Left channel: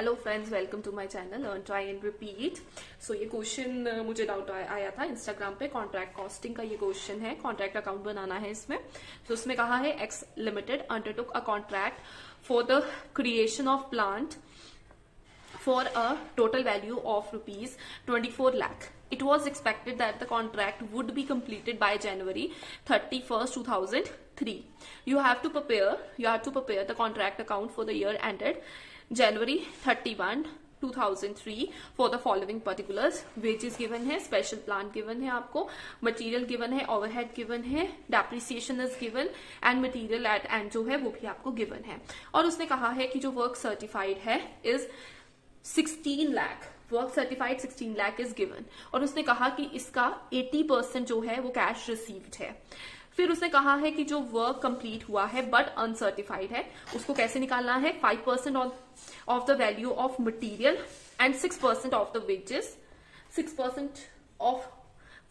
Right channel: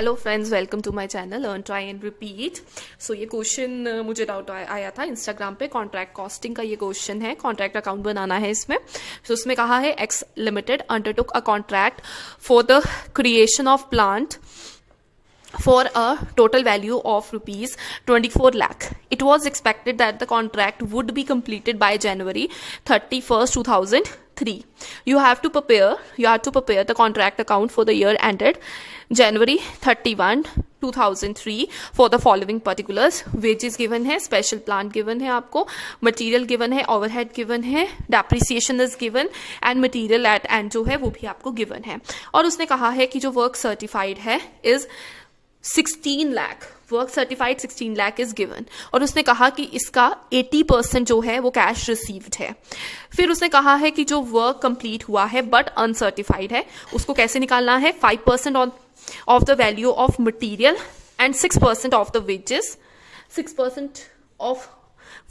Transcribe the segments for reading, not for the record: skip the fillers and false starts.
Hello friends, welcome to my channel earn try and repeat. So ये question मुझे doubt आया था Instagram पे। कॉन्ट्रैक्ट कॉस्टिंग का ये क्वेश्चन है, कॉन्ट्रैक्ट अकाउंट बनाना है इसमें। सो उसमें कहा है x limited undertook a contract for the creation of plant for a total value of rupees 24 lakh. It was expected that the contract would be completed by January 31st 2003. You have to prepare the contract account for the year ended January 31 2003 for the following particulars. Wages given है, special plant given है आपको, material given है, overhead given है, depreciation is given and material at end जो है वो भी आपको given है। और उसने कहा है कि जो work certified है is 16 lakh, work certified 16 lakh is given. और उसने कहा कि इसका 80% जो है वो कैश रिसीव्ड है। फिर उसने कहा है कि जो वर्क कंप्लीट हुआ है बट अनसर्टिफाइड है उसको कैसे निकालना है। 5% of the value of material and 6% of the wages, 6% of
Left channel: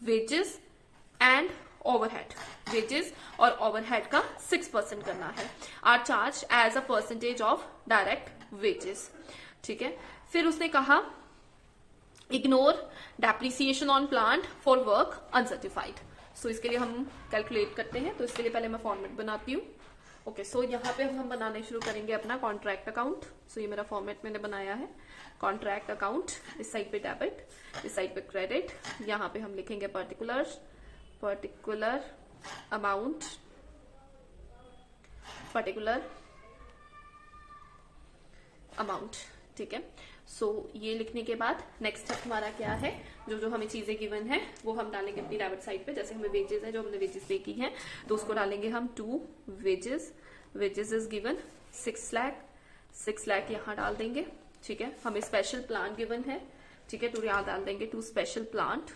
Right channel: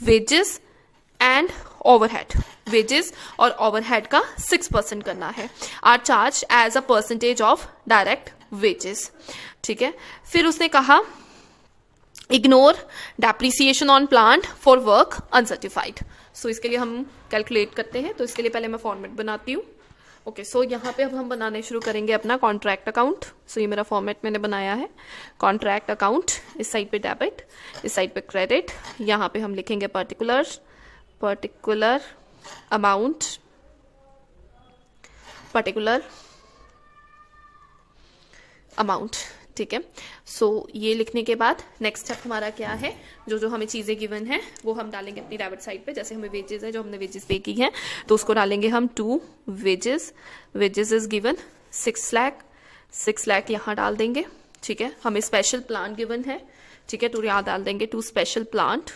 wages and overhead, wages और ओवरहेड का 6% करना है। Are charge as a percentage of direct wages. ठीक है। फिर उसने कहा ignore depreciation on plant for work uncertified. So इसके लिए हम कैलकुलेट करते हैं, तो इसके लिए पहले मैं फॉर्मेट बनाती हूँ। ओके, सो यहाँ पे अब हम बनाने शुरू करेंगे अपना कॉन्ट्रैक्ट अकाउंट। सो ये मेरा फॉर्मेट मैंने बनाया है। कॉन्ट्रैक्ट अकाउंट, इस साइड पे डेबिट, इस साइड पे क्रेडिट। यहाँ पे हम लिखेंगे पर्टिकुलर अमाउंट, पर्टिकुलर अमाउंट। ठीक है। सो ये लिखने के बाद नेक्स्ट स्टेप हमारा क्या है, जो हमें चीज़ें गिवन है वो हम डालेंगे अपनी डेबिट साइड पे। जैसे हमें वेजेस है, जो हमने वेजेस पे की है तो उसको डालेंगे हम to wages. Wages is given 6 lakh, 6 lakh यहाँ डाल देंगे। ठीक है। हमें स्पेशल प्लांट गिवन है। ठीक है, तो यहाँ डाल देंगे टू स्पेशल प्लांट।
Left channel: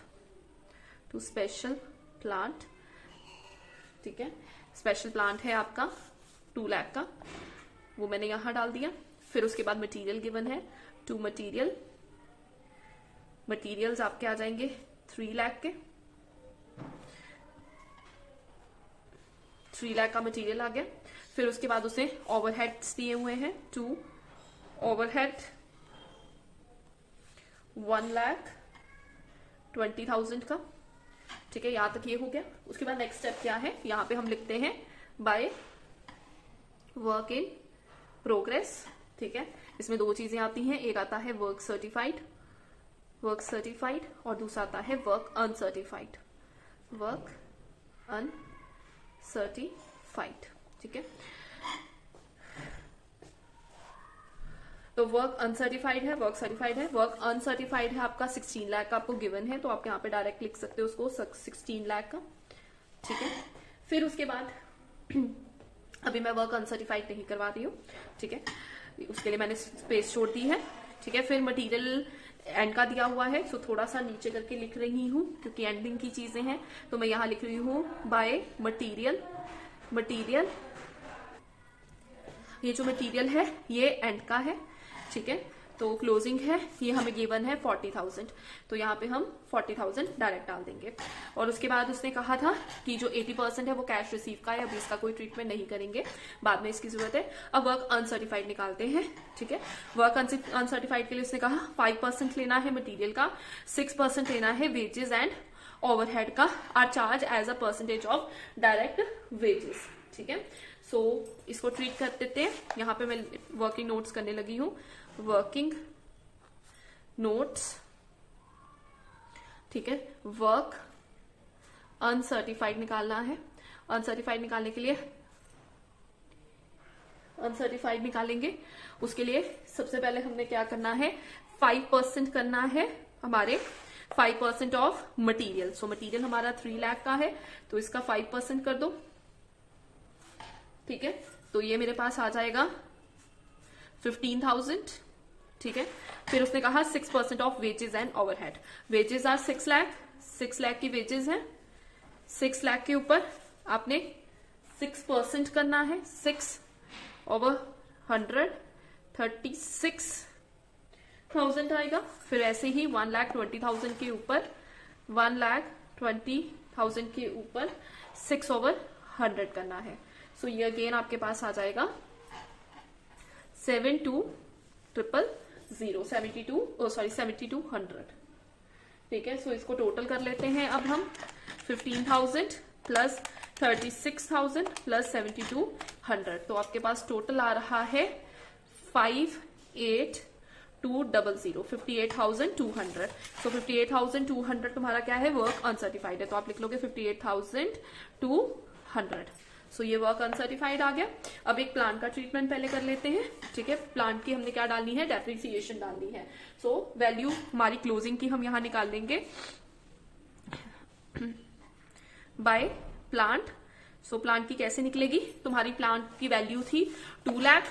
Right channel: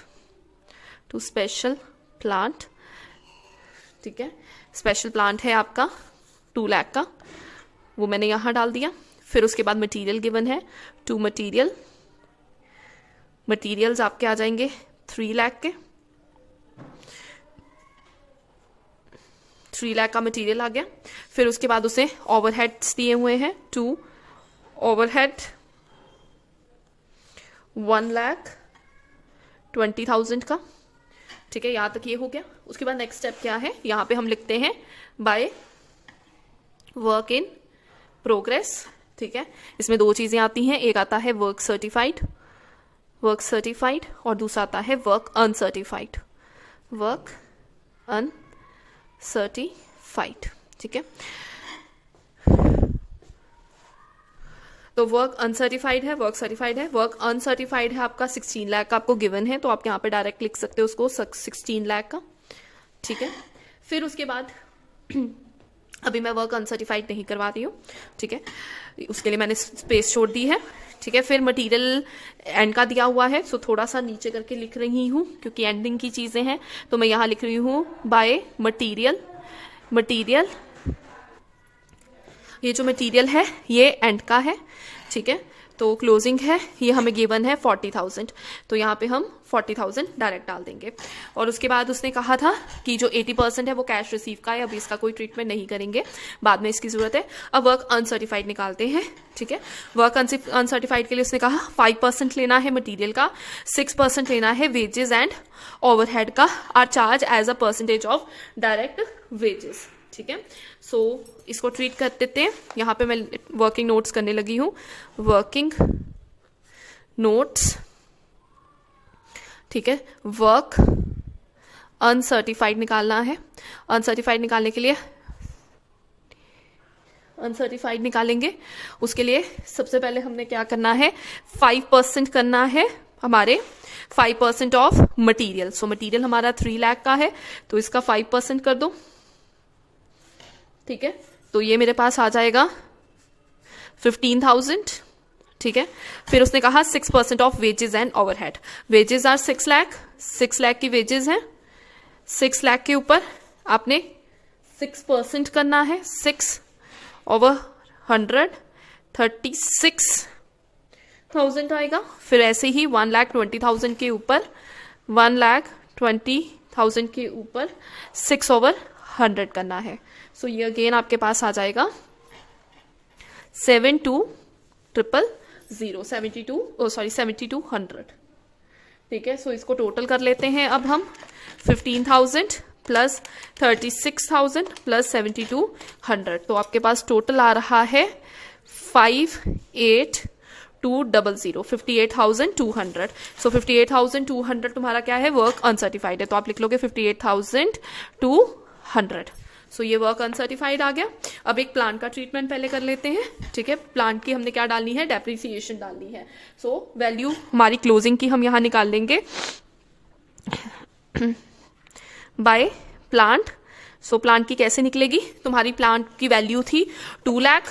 ठीक है। स्पेशल प्लांट है आपका 2 लाख का, वो मैंने यहाँ डाल दिया। फिर उसके बाद मटेरियल गिवन है, टू मटेरियल्स आपके आ जाएंगे 3 लाख के। 3 लाख का मटेरियल आ गया। फिर उसके बाद उसे ओवरहेड्स दिए हुए हैं, 2 ओवरहेड 1,20,000 का। ठीक है, यहाँ तक ये हो गया। उसके बाद नेक्स्ट स्टेप क्या है, यहाँ पे हम लिखते हैं बाय वर्क इन प्रोग्रेस। ठीक है, इसमें 2 चीजें आती हैं, एक आता है वर्क सर्टिफाइड और दूसरा आता है वर्क अनसर्टिफाइड। ठीक है, तो वर्क अनसर्टिफाइड है, वर्क सर्टिफाइड है। वर्क अनसर्टिफाइड है आपका 16 लाख का आपको गिवन है, तो आप यहाँ पे डायरेक्ट लिख सकते हो उसको 16 लाख का। ठीक है। फिर उसके बाद अभी मैं वर्क अनसर्टिफाइड नहीं करवा रही हूँ। ठीक है, उसके लिए मैंने स्पेस छोड़ दी है। ठीक है। फिर मटेरियल एंड का दिया हुआ है, सो थोड़ा सा नीचे करके लिख रही हूँ क्योंकि एंडिंग की चीजें हैं, तो मैं यहाँ लिख रही हूँ बाय मटेरियल। ये जो मटेरियल है ये एंड का है। ठीक है, तो क्लोजिंग है, ये हमें गिवन है 40,000, तो यहाँ पे हम 40,000 डायरेक्ट डाल देंगे। और उसके बाद उसने कहा था कि जो 80% है वो कैश रिसीव का है, अभी इसका कोई ट्रीटमेंट नहीं करेंगे, बाद में इसकी जरूरत है। अब वर्क अनसर्टिफाइड निकालते हैं। ठीक है, वर्क अनसर्टिफाइड के लिए उसने कहा 5% लेना है मटीरियल का, 6% लेना है वेजेस एंड ओवरहेड का। Are charge as a percentage of direct wages. ठीक है, सो इसको ट्रीट कर देते हैं। यहाँ पे मैं वर्किंग नोट्स करने लगी हूँ, वर्किंग नोट्स। ठीक है, वर्क अनसर्टिफाइड निकालना है। अनसर्टिफाइड निकालने के लिए अनसर्टिफाइड निकालेंगे, उसके लिए सबसे पहले हमने क्या करना है, 5% करना है हमारे 5% ऑफ मटीरियल। सो मटीरियल हमारा 3 लाख का है, तो इसका 5% कर दो। ठीक है, तो ये मेरे पास आ जाएगा 15,000। ठीक है। फिर उसने कहा 6% of wages and overhead. Wages are 6 lakh, 6 lakh की वेजेस हैं। 6 लाख के ऊपर आपने 6% करना है, 6/100 36,000 आएगा। फिर ऐसे ही 1,20,000 के ऊपर 1,20,000 के ऊपर 6/100 करना है। सो ये अगेन आपके पास आ जाएगा 72,000 7200, ठीक है। सो इसको टोटल कर लेते हैं अब हम। 15,000 प्लस 36,000 प्लस 7200, तो आपके पास टोटल आ रहा है 58,200, 58,200। सो 58,200 तुम्हारा क्या है, वर्क अनसर्टिफाइड है, तो आप लिख लोगे 58,200। सो ये वर्क अनसर्टिफाइड आ गया। अब एक प्लांट का ट्रीटमेंट पहले कर लेते हैं, ठीक है। प्लांट की हमने क्या डालनी है, डेप्रिसिएशन डालनी है। सो वैल्यू हमारी क्लोजिंग की हम यहाँ निकाल लेंगे बाय प्लांट। सो प्लांट की कैसे निकलेगी, तुम्हारी प्लांट की वैल्यू थी 2 लाख,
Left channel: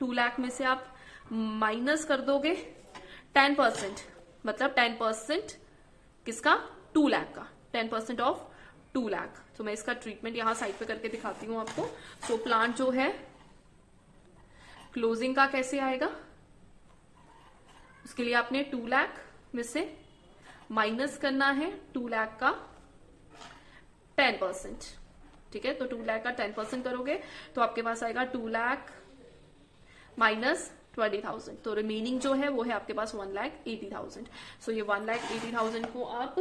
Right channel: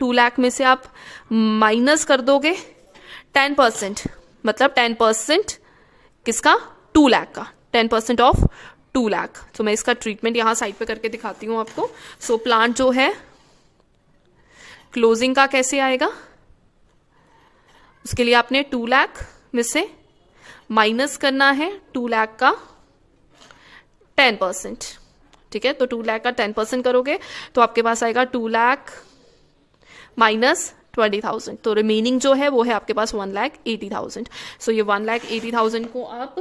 2 लाख में से आप माइनस कर दोगे 10%, मतलब 10% किसका, 2 लाख का, 10% ऑफ 2 लाख। तो मैं इसका ट्रीटमेंट यहाँ साइड पे करके दिखाती हूँ आपको। सो प्लांट जो है क्लोजिंग का कैसे आएगा, उसके लिए आपने 2 लाख में से माइनस करना है 2 लाख का 10%, ठीक है। तो 2 लाख का 10% करोगे तो आपके पास आएगा 2 लाख माइनस 20,000, तो रिमेनिंग जो है वो है आपके पास 1,80,000। सो ये 1,80,000 को आप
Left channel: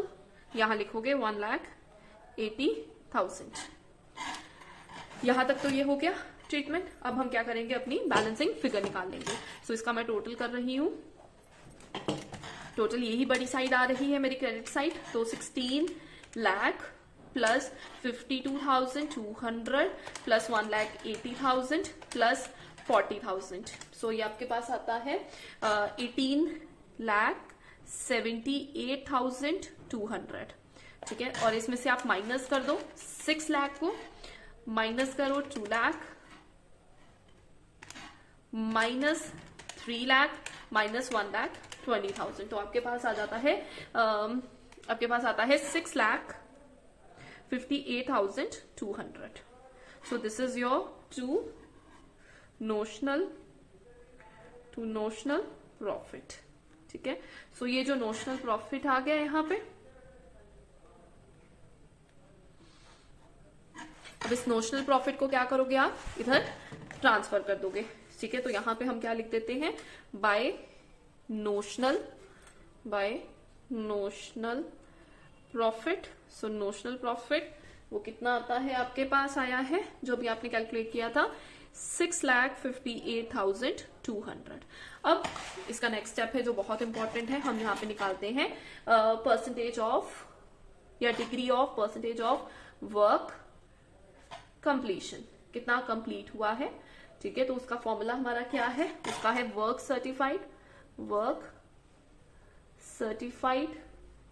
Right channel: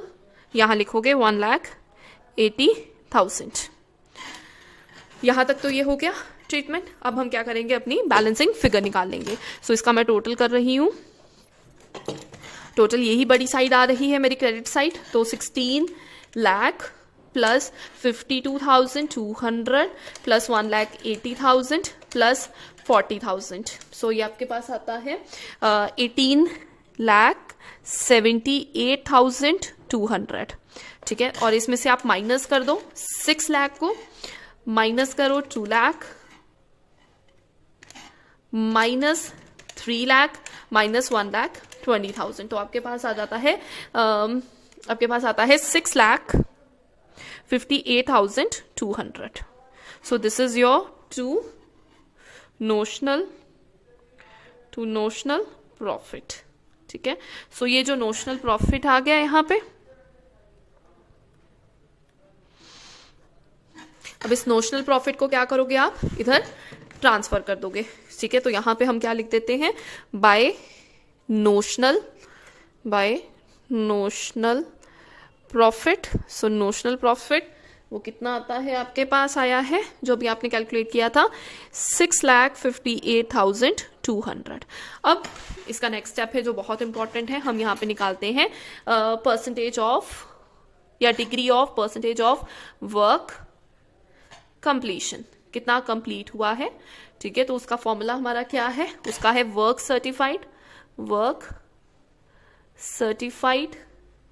यहाँ लिखोगे 1,80,000। यहाँ तक तो ये हो गया ट्रीटमेंट। अब हम क्या करेंगे, अपनी बैलेंसिंग फिगर निकाल लेंगे। सो इसका मैं टोटल कर रही हूँ। टोटल यही बड़ी साइड आ रही है मेरी क्रेडिट साइड, तो 16 लाख प्लस 52,200 प्लस 1,80,000 प्लस 40,000। सो ये आपके पास आता है 18,78,200, ठीक है। और इसमें से आप माइनस कर दो 6 लाख को, माइनस करो 2 लाख, माइनस 3 लाख, माइनस 1,20,000, तो आपके पास आ जाता है आपके पास आता है 6,58,200। So this is your to notional profit, ठीक है। सो ये जो नोशनल प्रॉफिट आ गया यहाँ पे, अब इस नोशनल प्रॉफिट को क्या करोगे आप, इधर ट्रांसफर कर दोगे, ठीक है। तो यहाँ पे हम क्या लिख देते हैं, बाय नोशनल प्रॉफिट। सो नोशनल प्रॉफिट वो कितना आता है, आपके पास आया है जो भी आपने कैलकुलेट किया था 6,58,200। अब इसका नेक्स्ट स्टेप है जो बहुत इंपॉर्टेंट है, हम यहाँ पे निकालते हैं परसेंटेज ऑफ या degree of percentage of work completion, कितना कंप्लीट हुआ है, ठीक है। तो उसका फॉर्मूला हमारा क्या है, उसका है work certified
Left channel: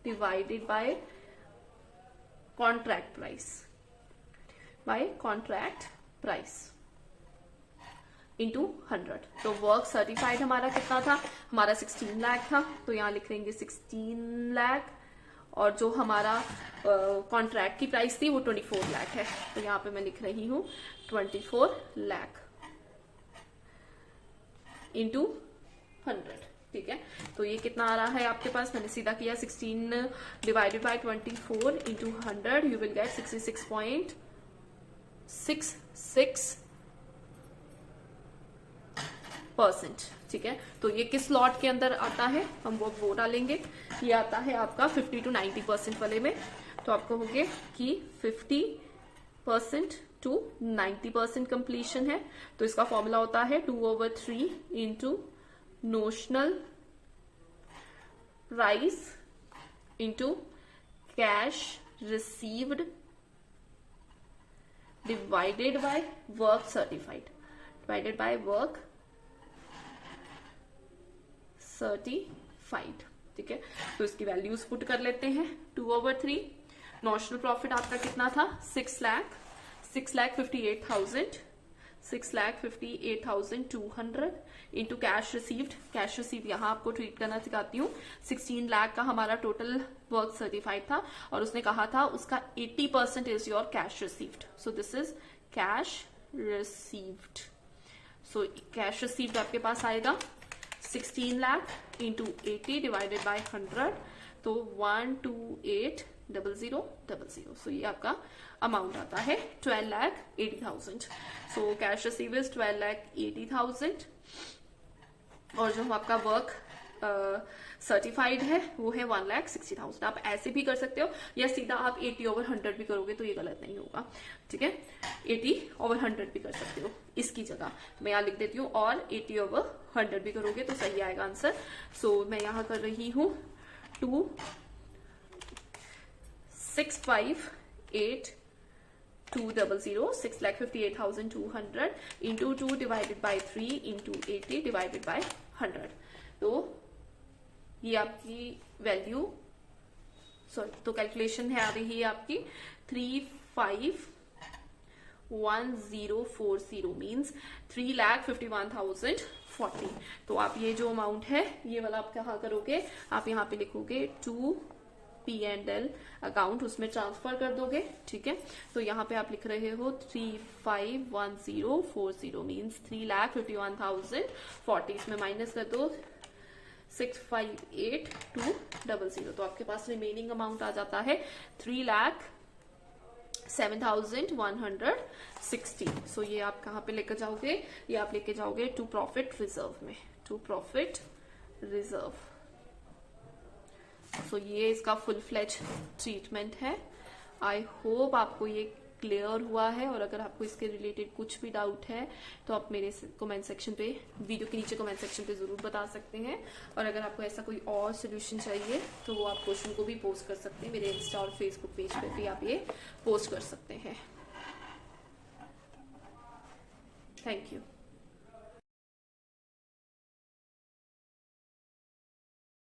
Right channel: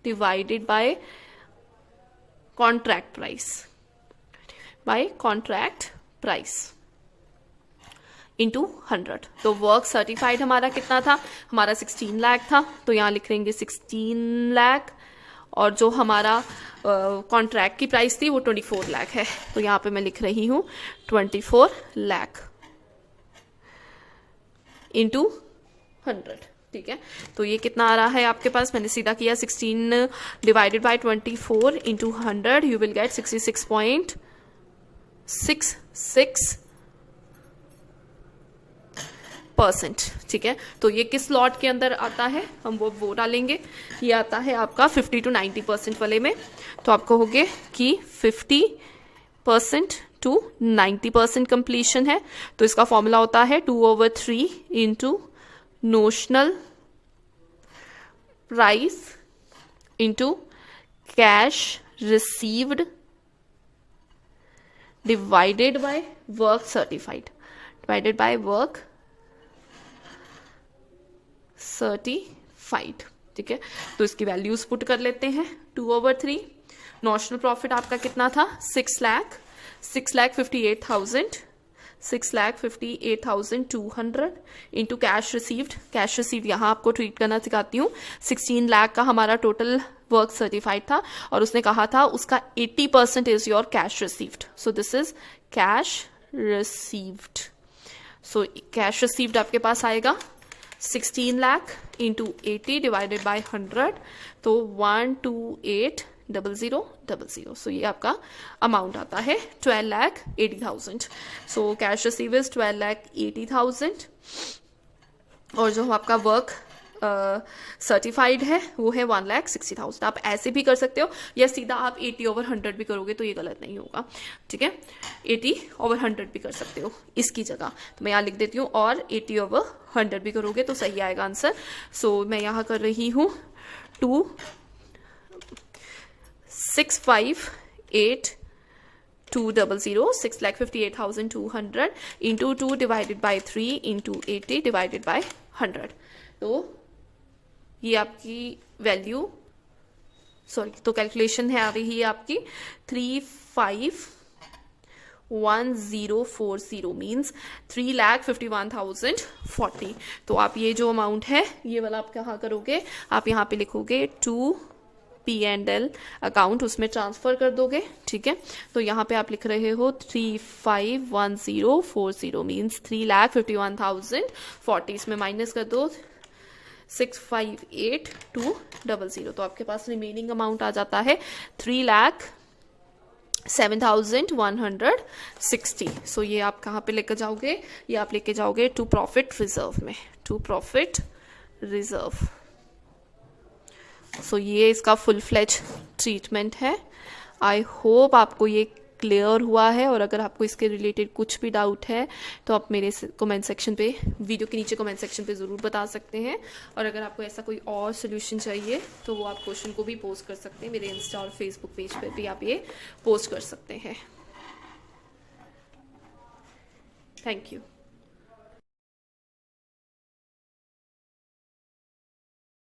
divided by contract price into 100। तो वर्क सर्टिफाइड हमारा कितना था, हमारा 16 लाख था, तो यहाँ लिख लेंगे 16 लाख, और जो हमारा कॉन्ट्रैक्ट की प्राइस थी वो 24 लाख है, तो यहाँ पे मैं लिख रही हूँ 24 लाख इंटू 100, ठीक है। तो ये कितना आ रहा है आपके पास, मैंने सीधा किया 16 divided by 24 into 100, you will get 66.66%, ठीक है। तो ये किस लॉट के अंदर आता है, हम वो डालेंगे। ये आता है आपका 50 to 90% वाले में, तो आप कहोगे कि 50% to 90% कंप्लीशन है, तो इसका फॉर्मूला होता है 2/3 into notional price into cash received divided by work certified, ठीक है। तो इसकी वैल्यूज पुट कर लेते हैं। 2/3 नोशनल प्रॉफिट आपका कितना था, 6,58,200 इंटू कैश रिसीव्ड यहाँ आपको ट्रीट करना सिखाती हूँ। 16 लाख का हमारा टोटल वर्क सर्टिफाइड था, और उसने कहा था उसका 80% is your cash received, so this is cash received. So cash received आपके पास आएगा 16 लाख इंटू 80 डिवाइडेड बाय 100, तो 128,000. सो ये आपका अमाउंट आता है 12,80,000. सो कैश रिसीव इज 12,80,000, और जो आपका वर्क सर्टिफाइड है वो है 1,60,000। आप ऐसे भी कर सकते हो या सीधा आप 80/100 भी करोगे तो ये गलत नहीं होगा, ठीक है। 80/100 भी कर सकते हो इसकी जगह, तो मैं यहाँ लिख देती हूँ, और 80/100 भी करोगे तो सही आएगा आंसर। सो मैं यहाँ कर रही हूँ 2,658,200 6,58,200 into 2 divided by 3 into 80 divided by 100। तो ये आपकी वैल्यू, सॉरी, तो कैलकुलेशन है आ रही है आपकी 351040 मीन्स 3,51,040। तो आप ये जो अमाउंट है ये वाला आप कहाँ करोगे, आप यहाँ पे लिखोगे 2P&L अकाउंट, उसमें ट्रांसफर कर दोगे, ठीक है। तो यहाँ पे आप लिख रहे हो 351040 मीन्स 3,51,040, इसमें माइनस कर दो 658,200। तो आपके पास रिमेनिंग अमाउंट आ जाता है 3,07,160। सो ये आप कहाँ पे लेकर जाओगे, ये आप लेके जाओगे टू प्रॉफिट रिजर्व में, टू प्रॉफिट रिजर्व। सो ये इसका फुल फ्लेज ट्रीटमेंट है। आई होप आपको ये क्लियर हुआ है, और अगर आपको इसके रिलेटेड कुछ भी डाउट है तो आप मेरे कमेंट सेक्शन पे, वीडियो के नीचे कमेंट सेक्शन पे ज़रूर बता सकते हैं। और अगर आपको ऐसा कोई और सोल्यूशन चाहिए तो वो आप क्वेश्चन को भी पोस्ट कर सकते हैं, मेरे इंस्टा और फेसबुक पेज पर भी आप ये पोस्ट कर सकते हैं। Thank you.